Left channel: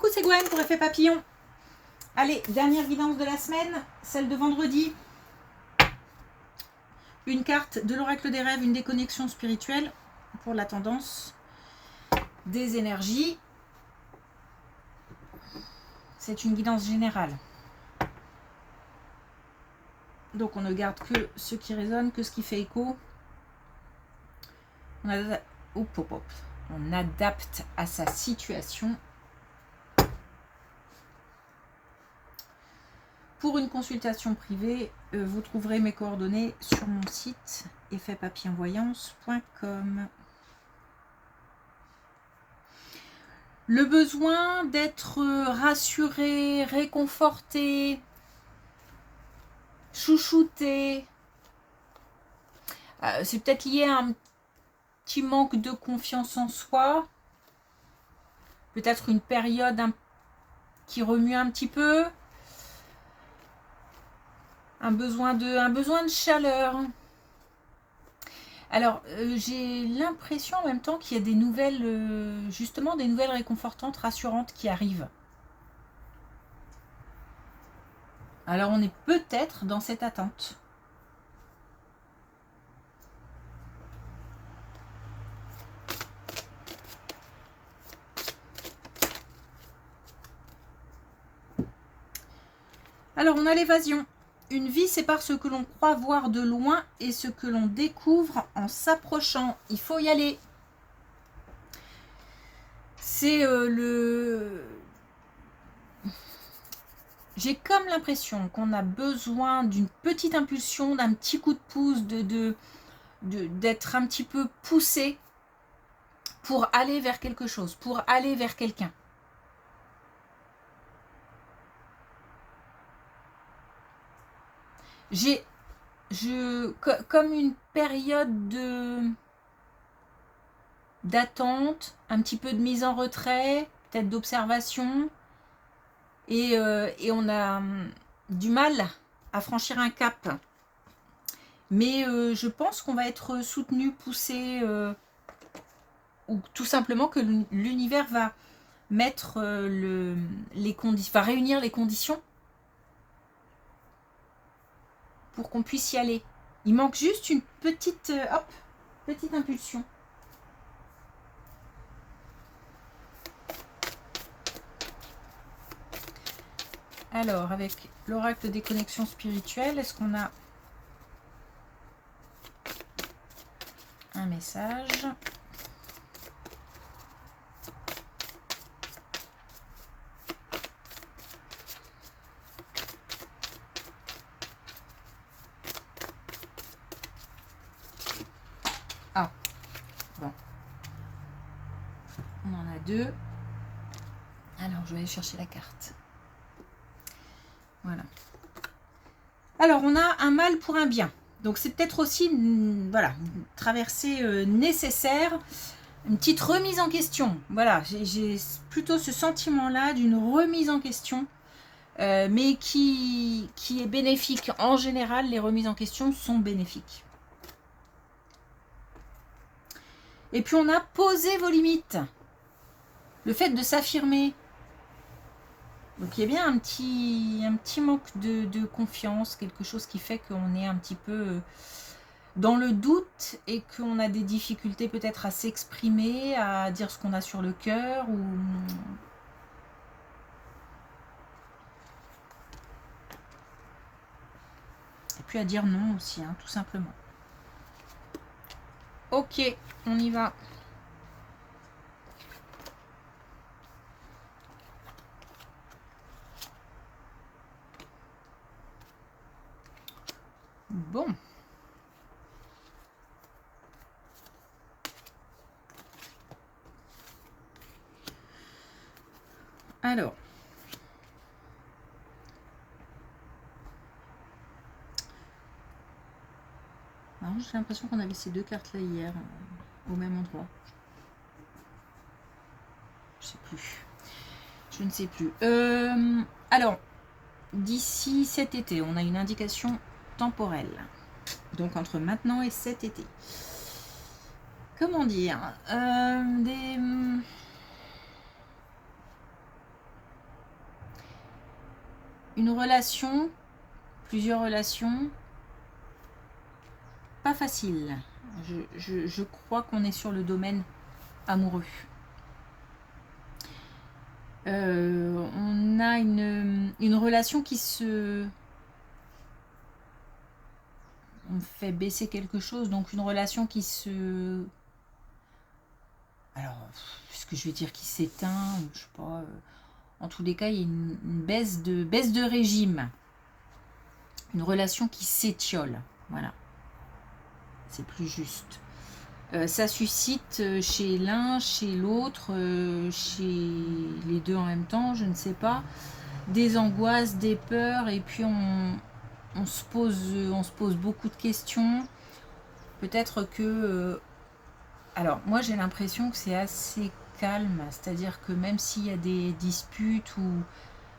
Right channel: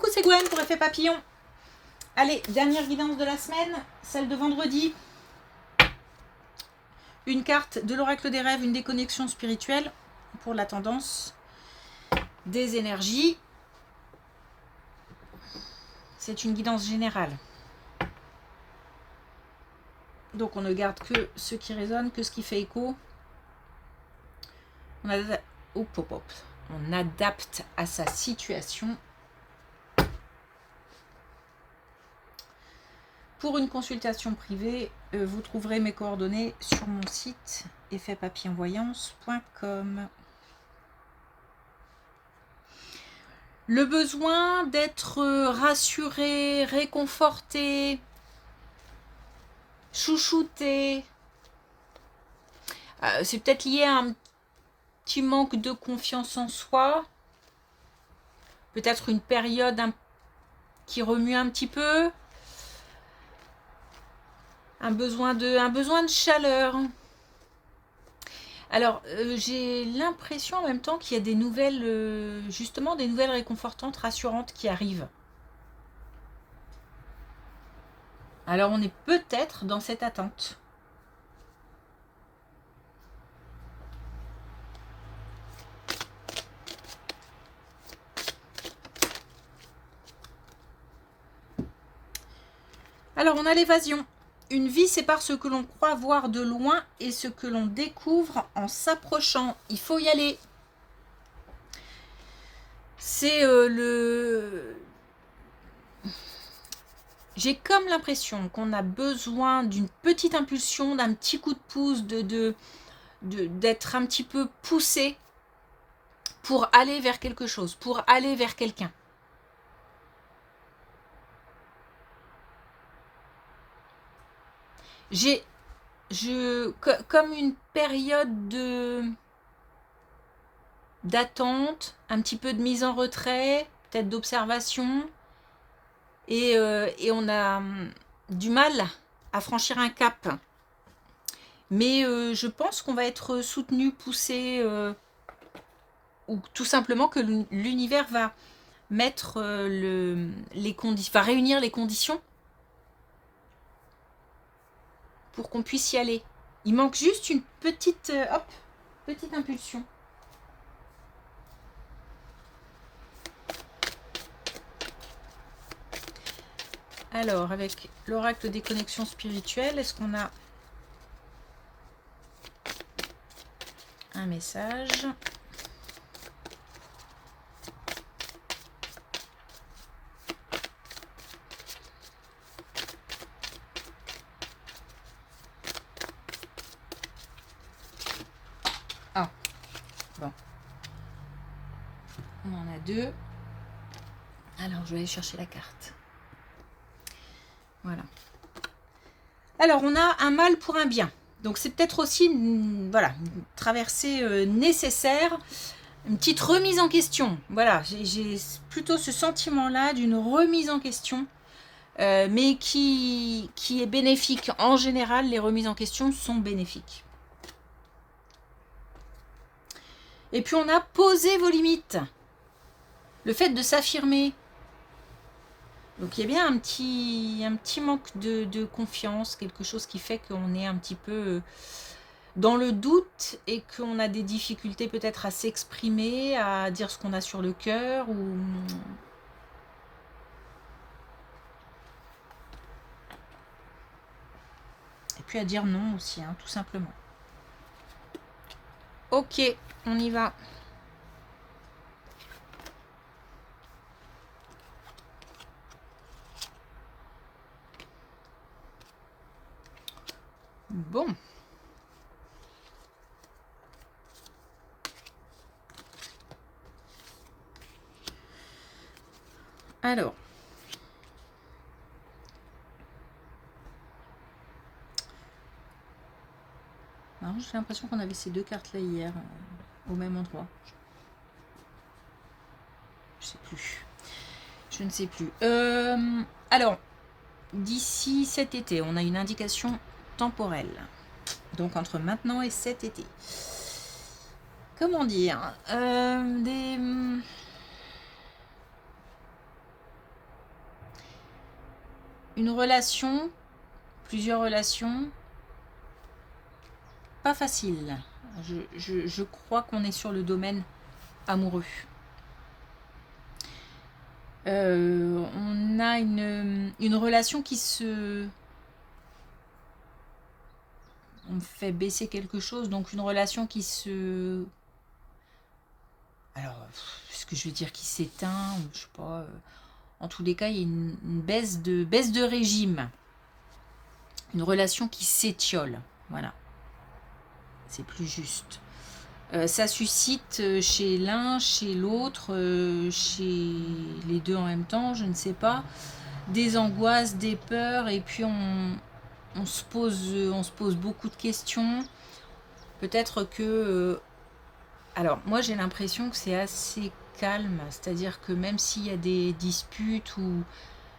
Coucou, c'est Gwen pour Effet Papillon. Allez, dernière guidance de la semaine, celle de vendredi. Une carte de l'oracle des rêves, une déconnexion spirituelle pour la tendance des énergies. C'est une guidance générale. Donc on ne garde que ce qui résonne, que ce qui fait écho. On adapte à sa situation. Pour une consultation privée, vous trouverez mes coordonnées sur mon site effetpapillonvoyance.com. Le besoin d'être rassuré, réconforté, chouchouté, c'est peut-être lié à un petit manque de confiance en soi, peut-être une période qui remue un petit peu, un besoin de chaleur. Alors, j'ai l'impression en même temps qu'il y a des nouvelles, justement des nouvelles réconfortantes, rassurantes qui arrivent. Alors, on est peut-être dans cette attente. Alors, on a l'évasion. Une vie, c'est par ce que l'on croit voir de loin et ce que l'on découvre en s'approchant. Il faut y aller. C'est J'ai comme l'impression qu'on a besoin d'une petite impulsion, d'un petit coup de pouce, d'être un petit peu poussé pour aller vers quelque chose, pour aller vers quelqu'un. Comme une période d'attente, un petit peu de mise en retrait, peut-être d'observation, et on a du mal à franchir un cap. Mais je pense qu'on va être soutenu, poussé, ou tout simplement que l'univers va mettre les conditions, va réunir les conditions pour qu'on puisse y aller. Il manque juste une petite, petite impulsion. Alors, avec l'oracle des connexions spirituelles, est-ce qu'on a un message ? Ah, bon. On en a deux. Alors, je vais aller chercher la carte. Voilà. Alors, on a un mal pour un bien. Donc, c'est peut-être aussi une traversée nécessaire, une petite remise en question. Voilà, j'ai plutôt ce sentiment-là d'une remise en question, mais qui est bénéfique. En général, les remises en question sont bénéfiques. Et puis, on a posé vos limites. Le fait de s'affirmer. Donc il y a bien un petit manque de confiance, quelque chose qui fait qu'on est un petit peu dans le doute et qu'on a des difficultés peut-être à s'exprimer, à dire ce qu'on a sur le cœur ou... Et puis à dire non aussi, tout simplement. Ok, on y va. Bon. Alors. J'ai l'impression qu'on avait ces deux cartes là hier, au même endroit. Je ne sais plus. Alors, d'ici cet été, on a une indication temporelle. Donc entre maintenant et cet été. Comment dire une relation, plusieurs relations, pas facile. Je crois qu'on est sur le domaine amoureux. On a une relation qui se... On fait baisser quelque chose, donc une relation qui se... Alors, est-ce que je vais dire qui s'éteint, ou je sais pas... En tous les cas, il y a une baisse de régime. Une relation qui s'étiole. Voilà. C'est plus juste. Ça suscite chez l'un, chez l'autre, chez les deux en même temps, je ne sais pas, des angoisses, des peurs, et puis on se pose beaucoup de questions. Peut-être que... alors, moi j'ai l'impression que c'est assez calme, c'est-à-dire que même s'il y a des disputes ou...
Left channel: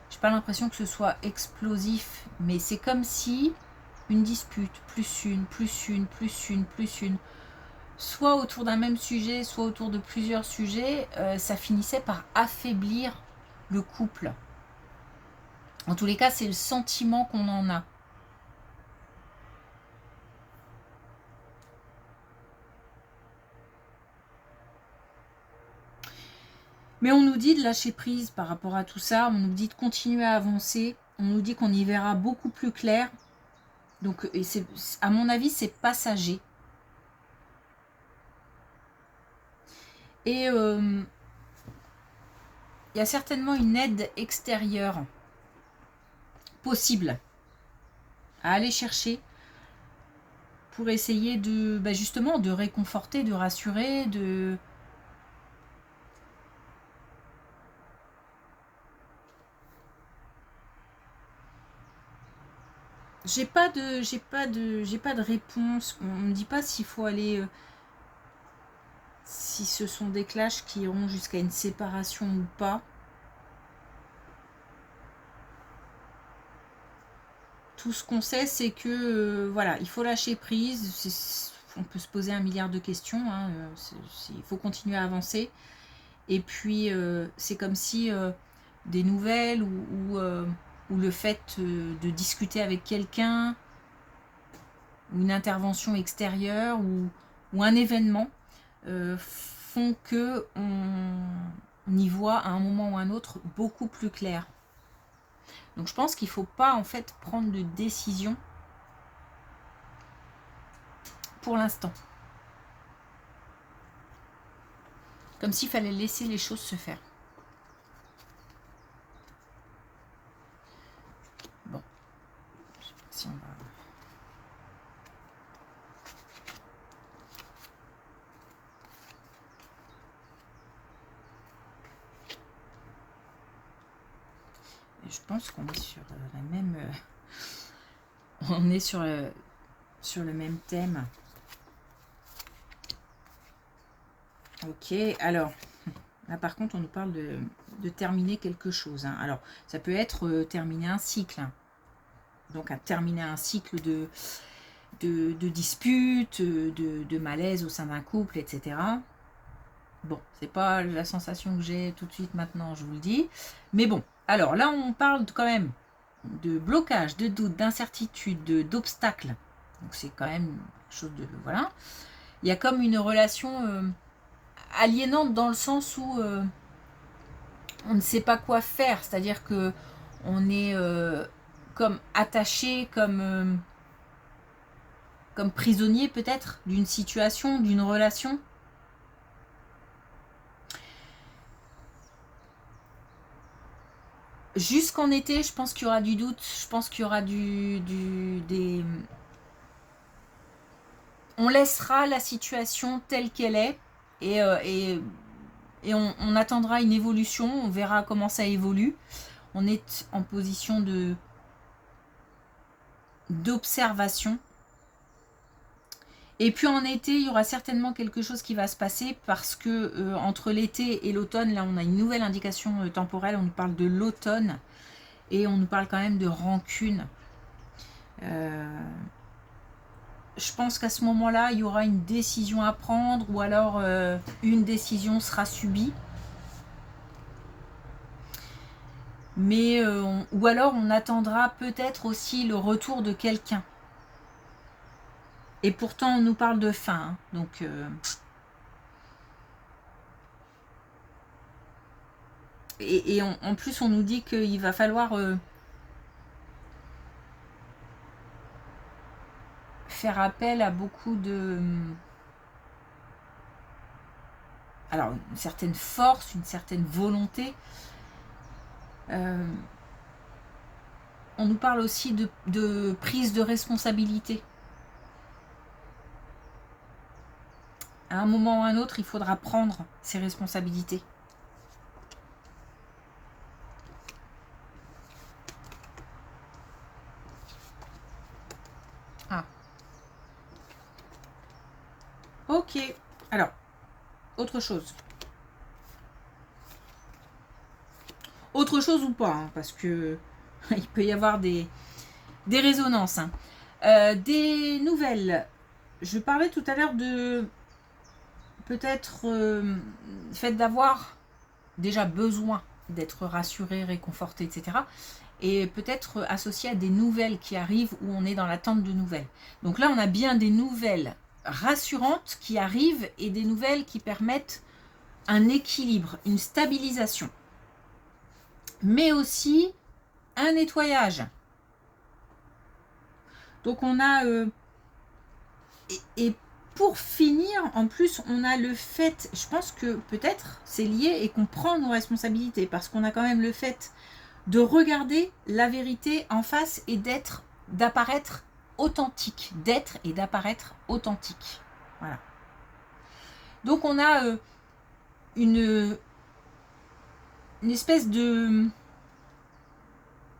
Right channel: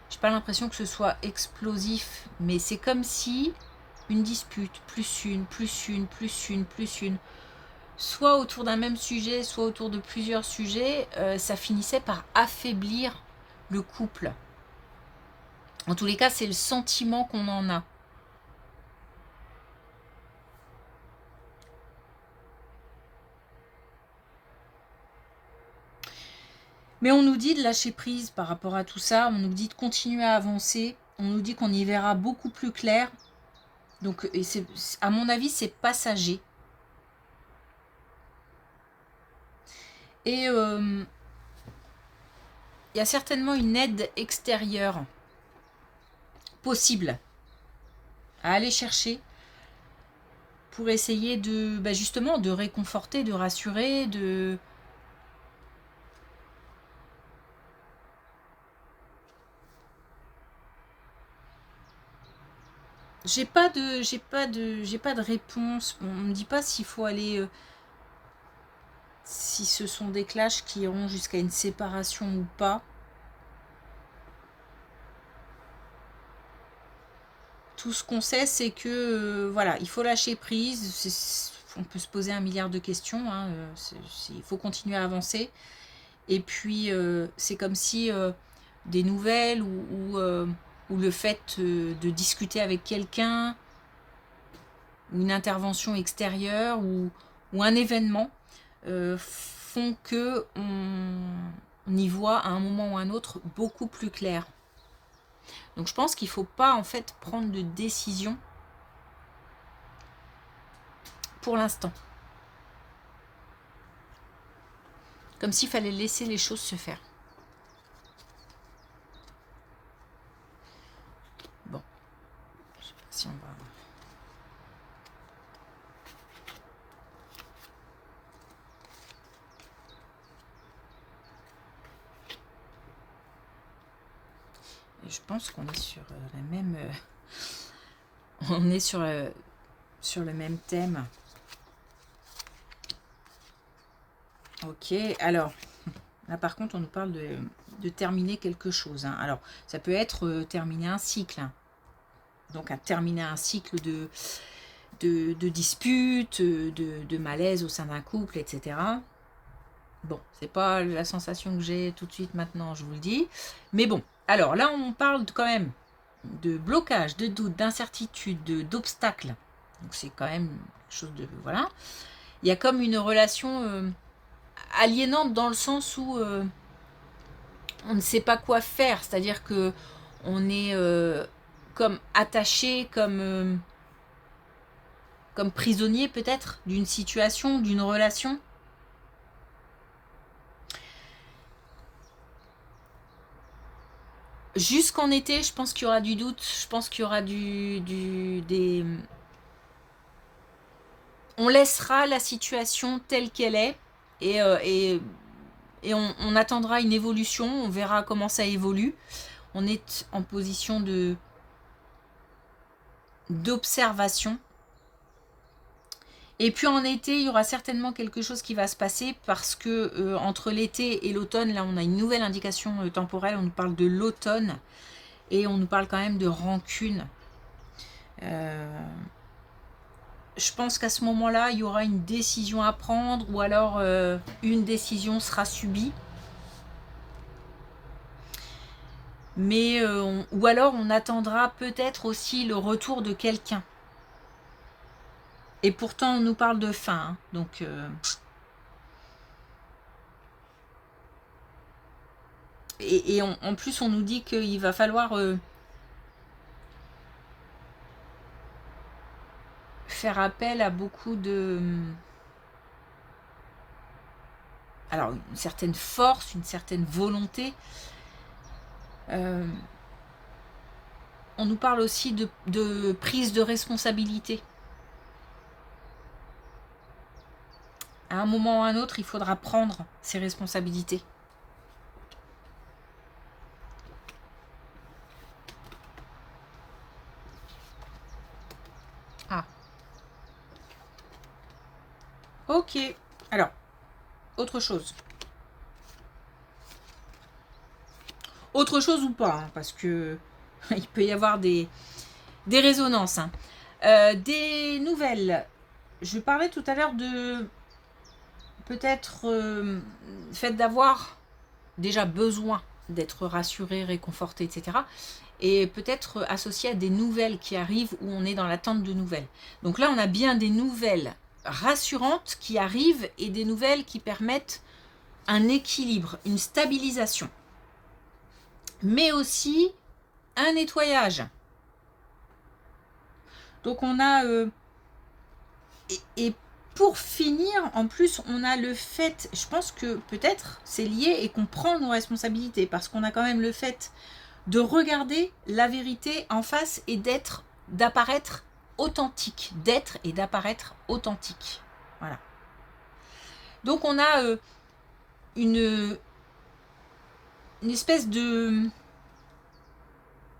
J'ai pas l'impression que ce soit explosif, mais c'est comme si une dispute, plus une, plus une, plus une, plus une, soit autour d'un même sujet, soit autour de plusieurs sujets, ça finissait par affaiblir le couple. En tous les cas, c'est le sentiment qu'on en a. Mais on nous dit de lâcher prise par rapport à tout ça, on nous dit de continuer à avancer, on nous dit qu'on y verra beaucoup plus clair. Donc, et à mon avis, c'est passager. Et il y a certainement une aide extérieure possible à aller chercher pour essayer de, justement, de réconforter, de rassurer, de... J'ai pas de réponse. On me dit pas s'il faut aller, si ce sont des clashs qui iront jusqu'à une séparation ou pas. Tout ce qu'on sait, c'est que voilà, il faut lâcher prise. On peut se poser un milliard de questions. Hein, il faut continuer à avancer. Et puis, c'est comme si des nouvelles ou le fait de discuter avec quelqu'un, ou une intervention extérieure, ou un événement, font que on y voit à un moment ou à un autre beaucoup plus clair. Donc je pense qu'il ne faut pas en fait prendre de décision pour l'instant. Comme s'il fallait laisser les choses se faire. Bon. Je sais pas si on va... Et je pense qu'on est sur la même... on est sur le même thème. Ok, alors... Là, par contre, on nous parle de terminer quelque chose. Hein. Alors, ça peut être terminer un cycle. Hein. Donc, à terminer un cycle de disputes, de malaise au sein d'un couple, etc. Bon, c'est pas la sensation que j'ai tout de suite maintenant, je vous le dis. Mais bon, alors là, on parle quand même de blocage, de doute, d'incertitude, d'obstacles. Donc, c'est quand même quelque chose de... Voilà. Il y a comme une relation... aliénante dans le sens où on ne sait pas quoi faire, c'est-à-dire que on est comme attaché, comme prisonnier peut-être d'une situation, d'une relation. Jusqu'en été, je pense qu'il y aura du doute, je pense qu'il y aura des... On laissera la situation telle qu'elle est et on attendra une évolution, on verra comment ça évolue. On est en position d'observation. Et puis en été, il y aura certainement quelque chose qui va se passer parce que entre l'été et l'automne, là on a une nouvelle indication temporelle, on nous parle de l'automne et on nous parle quand même de rancune. Je pense qu'à ce moment-là, il y aura une décision à prendre ou alors une décision sera subie. Mais ou alors on attendra peut-être aussi le retour de quelqu'un. Et pourtant on nous parle de fin, hein, donc et en plus on nous dit qu'il va falloir faire appel à beaucoup de... Alors une certaine force, une certaine volonté. On nous parle aussi de prise de responsabilité. À un moment ou à un autre, il faudra prendre ses responsabilités. Ah, ok. Alors, autre chose. Autre chose ou pas, hein, parce que il peut y avoir des résonances. Hein. Des nouvelles. Je parlais tout à l'heure de peut-être fait d'avoir déjà besoin d'être rassuré, réconforté, etc. Et peut-être associé à des nouvelles qui arrivent où on est dans l'attente de nouvelles. Donc là, on a bien des nouvelles rassurantes qui arrivent et des nouvelles qui permettent un équilibre, une stabilisation. Mais aussi un nettoyage. Donc on a... et pour finir, en plus, on a le fait, je pense que peut-être c'est lié et qu'on prend nos responsabilités parce qu'on a quand même le fait de regarder la vérité en face et d'apparaître authentique, d'être et d'apparaître authentique. Voilà. Donc on a une espèce de...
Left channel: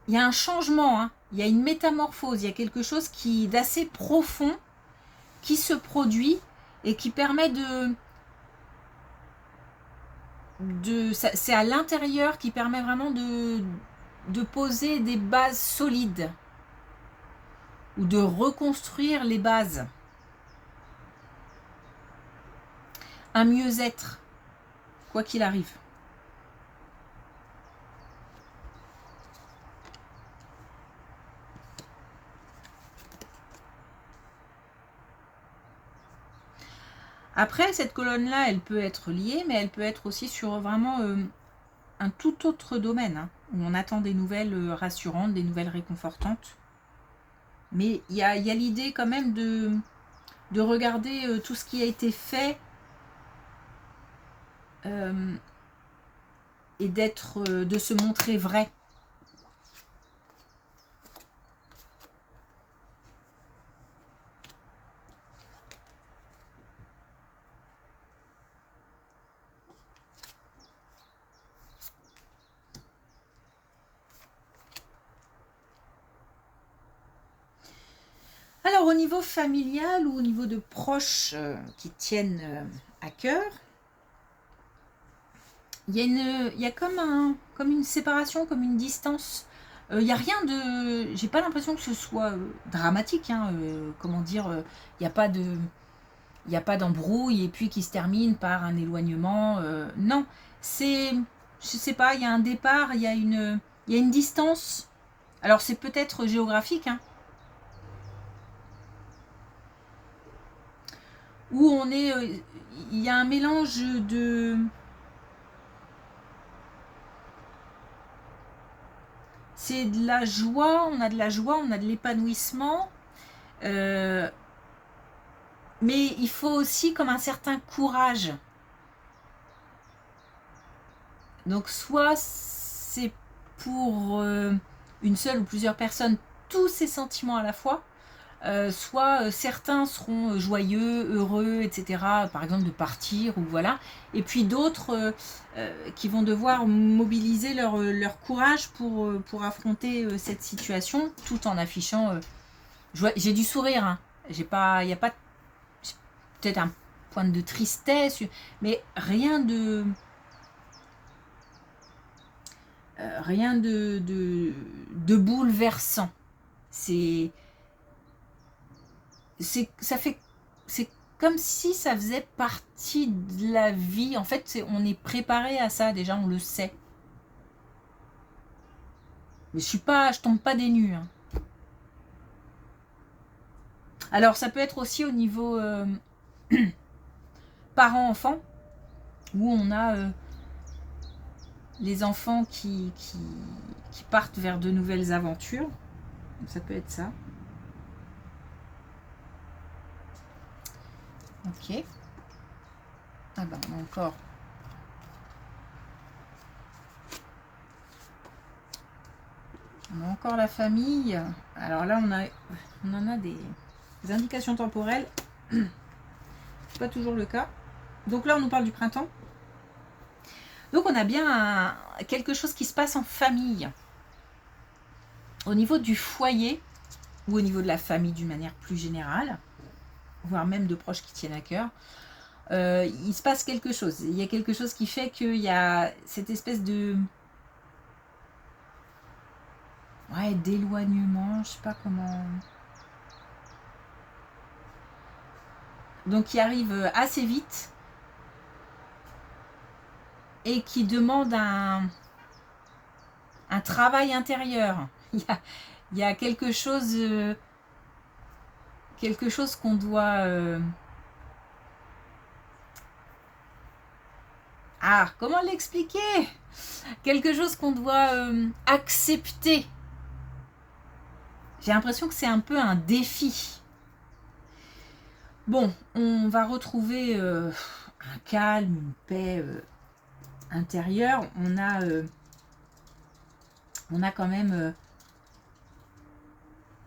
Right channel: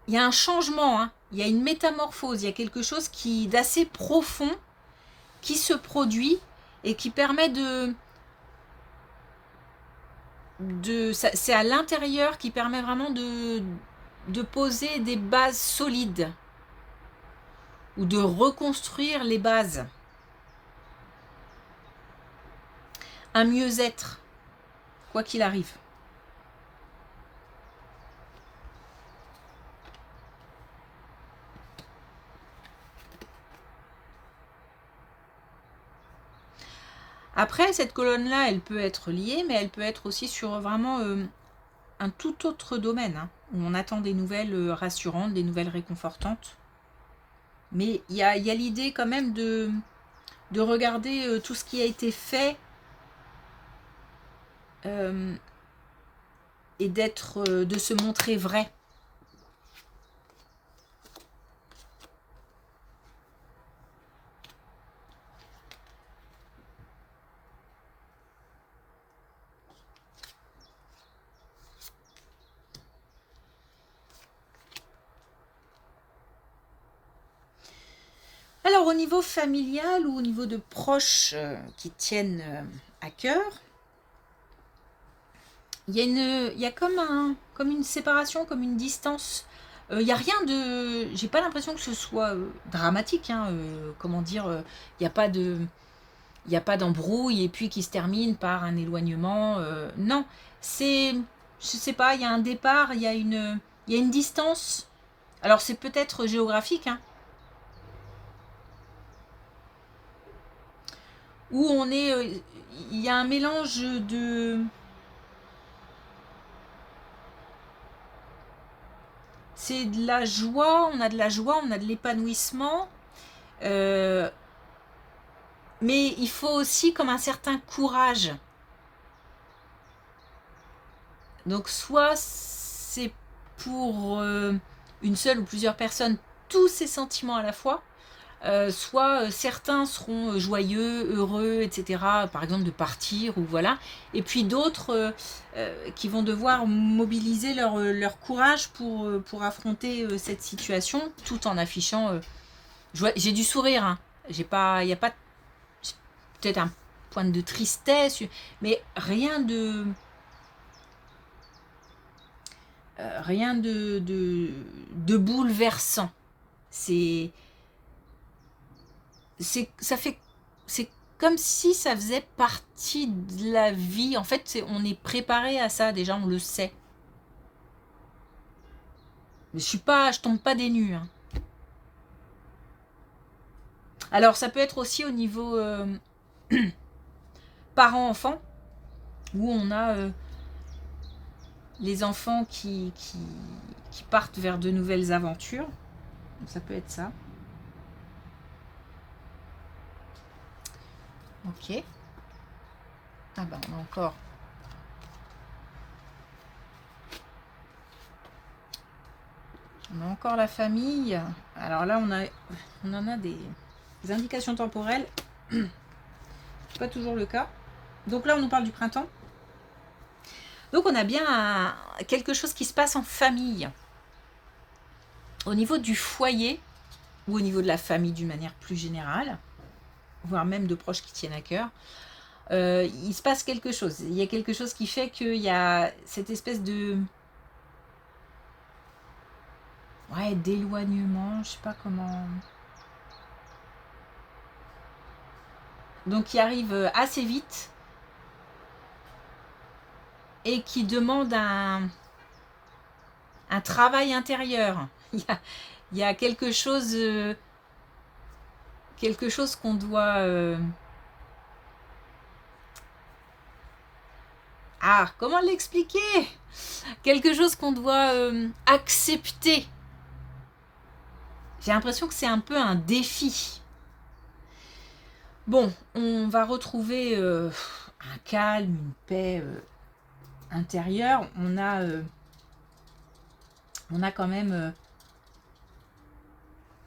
Il y a un changement, hein. Il y a une métamorphose, il y a quelque chose d'assez profond qui se produit et qui permet c'est à l'intérieur qui permet vraiment de poser des bases solides ou de reconstruire les bases. Un mieux-être, quoi qu'il arrive. Après, cette colonne-là, elle peut être liée, mais elle peut être aussi sur vraiment un tout autre domaine, hein, où on attend des nouvelles rassurantes, des nouvelles réconfortantes. Mais il y a l'idée quand même de regarder tout ce qui a été fait et de se montrer vrai. Alors au niveau familial ou au niveau de proches qui tiennent à cœur, il y a comme une séparation, comme une distance. Il n'y a rien de... J'ai pas l'impression que ce soit dramatique, hein, comment dire, il n'y a pas de... Il n'y a pas d'embrouille et puis qui se termine par un éloignement. Non, c'est... Je sais pas, il y a un départ, il y a une distance. Alors c'est peut-être géographique, hein, où on est... il y a un mélange de... C'est de la joie, on a de la joie, on a de l'épanouissement. Euh, mais il faut aussi comme un certain courage. Donc soit c'est pour une seule ou plusieurs personnes tous ces sentiments à la fois, soit certains seront joyeux, heureux, etc. Par exemple de partir ou voilà. Et puis d'autres qui vont devoir mobiliser leur courage pour affronter cette situation tout en affichant... j'ai du sourire, hein. J'ai pas, il n'y a pas peut-être un point de tristesse, mais rien de bouleversant. C'est, ça fait, c'est comme si ça faisait partie de la vie. En fait, on est préparé à ça déjà, on le sait. Mais je tombe pas des nues. Hein. Alors, ça peut être aussi au niveau parents-enfants, où on a les enfants qui partent vers de nouvelles aventures. Ça peut être ça. Ok. Ah ben, on a encore... On a encore la famille. Alors là, on en a des indications temporelles. C'est pas toujours le cas. Donc là, on nous parle du printemps. Donc on a bien quelque chose qui se passe en famille. Au niveau du foyer, ou au niveau de la famille d'une manière plus générale, voire même de proches qui tiennent à cœur, il se passe quelque chose. Il y a quelque chose qui fait qu'il y a cette espèce de... Ouais, d'éloignement, je sais pas comment... Donc qui arrive assez vite et qui demande un travail intérieur. Il y a quelque chose qu'on doit... Ah, comment l'expliquer? Quelque chose qu'on doit accepter. J'ai l'impression que c'est un peu un défi. Bon, on va retrouver un calme, une paix intérieure. On a quand même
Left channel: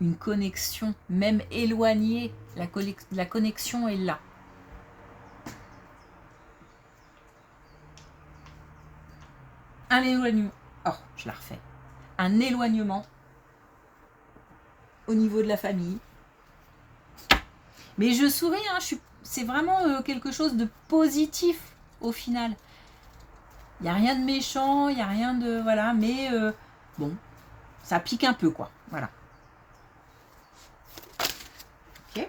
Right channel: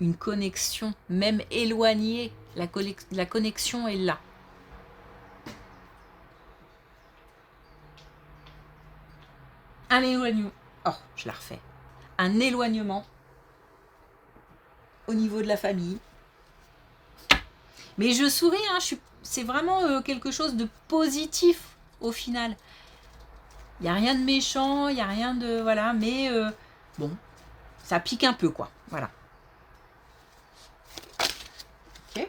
une connexion, même éloignée. La connexion est là. Un éloignement. Oh, je la refais. Un éloignement au niveau de la famille. Mais je souris, hein, c'est vraiment quelque chose de positif au final. Il n'y a rien de méchant, il n'y a rien de... Voilà, mais bon, ça pique un peu, quoi. Voilà. Ok.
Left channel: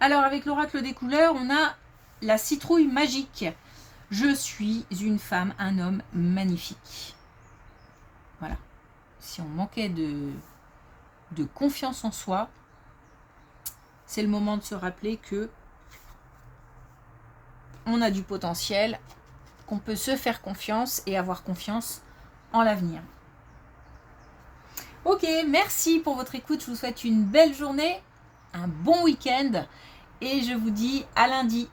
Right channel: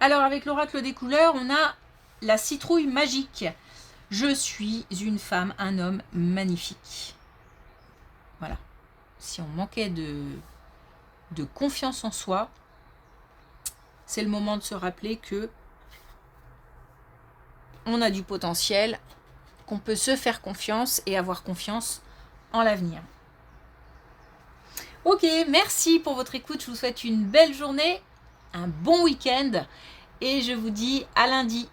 Alors, avec l'oracle des couleurs, on a la citrouille magique. Je suis une femme, un homme magnifique. Voilà. Si on manquait de confiance en soi, c'est le moment de se rappeler que on a du potentiel, qu'on peut se faire confiance et avoir confiance en l'avenir. Ok, merci pour votre écoute. Je vous souhaite une belle journée, un bon week-end et je vous dis à lundi.